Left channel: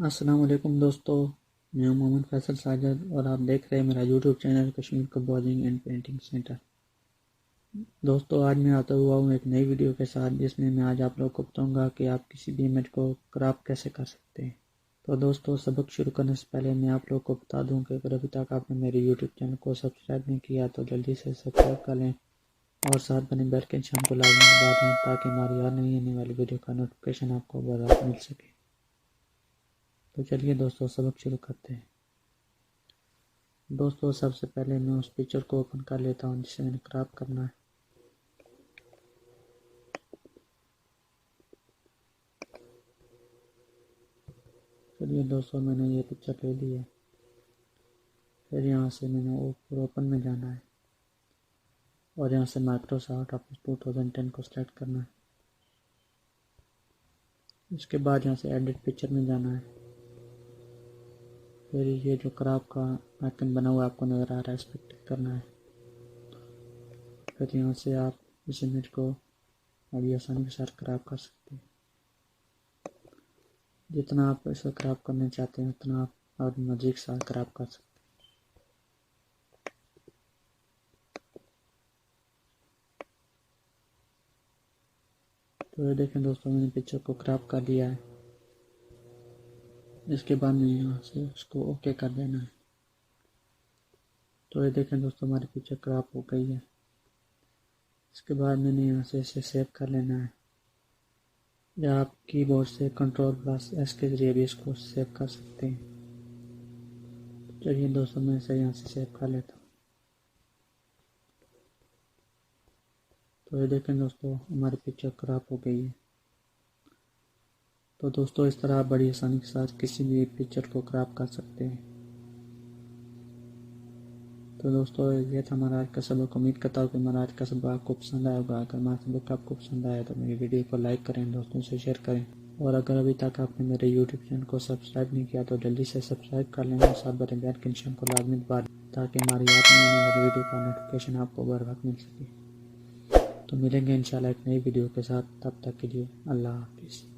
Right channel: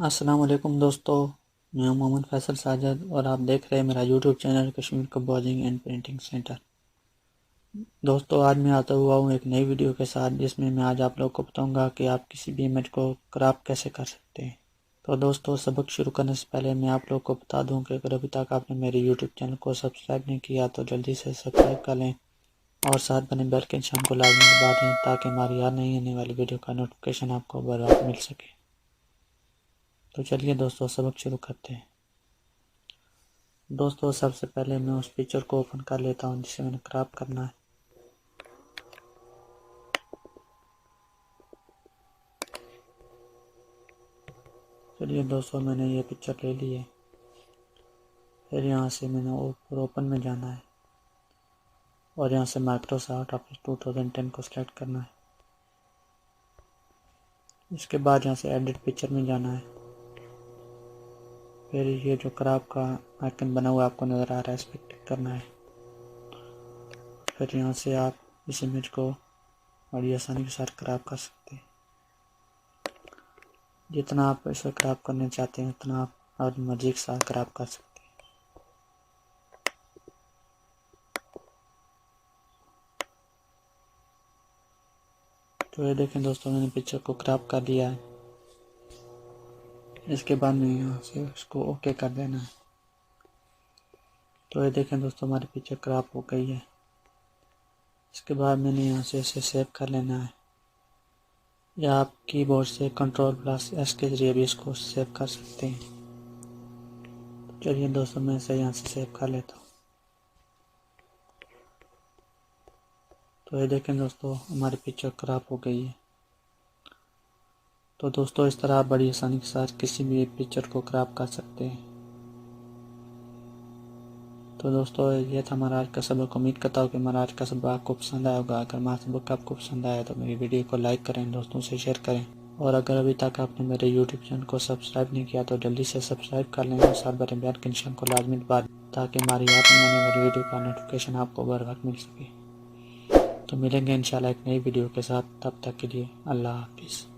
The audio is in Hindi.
अस्सलाम वालेकुम दोस्तों, मैं हूं मोहम्मद फैसल साजिद और आप देख रहे हैं मेरा YouTube channel Kashmir composing and printing centre. दोस्तों, आज मैं आता हुआ हूं एक नई वीडियो के साथ जिसमें मैं आज आप लोगों को बताऊंगा कि आप किसी भी इमेज को क्रॉप कैसे कर सकते हैं। तो दोस्तों, सबक शुरू करने से पहले मैं आप लोगों को बता दूं कि अगर अभी तक आपने मेरे यूट्यूब चैनल को सब्सक्राइब नहीं किया तो जल्दी से सब्सक्राइब कर लें और साथ बने बेल के निशान को लाजमी दबा दें ताकि हमारी हर नई आने वाली वीडियो का नोटिफिकेशन आपको बर वक्त मिल सके। तो चलिए दोस्तों, सबक शुरू करते हैं। दोस्तों, सबसे पहले मैं उस पिक्चर को ओपन कर लेता हूँ जिसे मैंने क्रॉप करना है। चलिए दोस्तों, मैंने ये पिक्चर ले ली है। फिर यहाँ से मैंने ऊपर ओपन में जाना है और यहाँ से माइक्रोसॉफ्ट ऑफिस 2010 को सिलेक्ट करना है। इसके बाद यहाँ से एडिट पिक्चर में जाना है। फिर ये जो क्रॉप का आइकन बना हुआ आपको नज़र आ रहा है, इस पर क्लिक करना है। फिर यहाँ से आप इस इमेज को बड़ी आसानी के साथ क्रॉप कर सकते हैं। जितना आप इसे क्रॉप करना चाहते हैं उतना आप अपनी मर्जी के साथ क्रॉप कर सकते हैं। तो ये देखें दोस्तों, मैंने पिक्चर को क्रॉप कर लिया है। इसके बाद में यहाँ से इसको ओके कर देना है। तो ये देखें दोस्तों, हमारी पिक्चर क्रॉप हो गई है। इसके बाद मैंने यहाँ से इसे सेव कर लेना है, या आप कीबोर्ड से Ctrl+S के जरिए भी इसको सेव कर सकते हैं। चलिए दोस्तों, मैं इसे यहाँ से सेव कर लेता हूँ। तो ये देखें दोस्तों, हमारी पिक्चर क्रॉप हो गई है। तो दोस्तों, इस तरह आप बड़ी आसानी के साथ किसी भी पिक्चर को क्रॉप कर सकते हैं। तो दोस्तों, ये था हमारा आज का सबक। उम्मीद करता हूँ कि हमारा आज का सबक आपको पसंद आया होगा। अगर हमारा सबक आपको पसंद आया तो मेरी वीडियो को लाइक करें, दोस्तों से शेयर करें और अगर अभी तक आपने मेरे यूट्यूब चैनल को सब्सक्राइब नहीं किया तो जल्दी से सब्सक्राइब कर लें और साथ बने बेल के निशान को लाजमी दबा दें ताकि हमारी आने वाली वीडियो का नोटिफिकेशन आपको बर वक्त मिल सके। तो मिलेंगे इंशाल्लाह एक नई वीडियो के साथ, तब तक के लिए अल्लाह हाफिज़।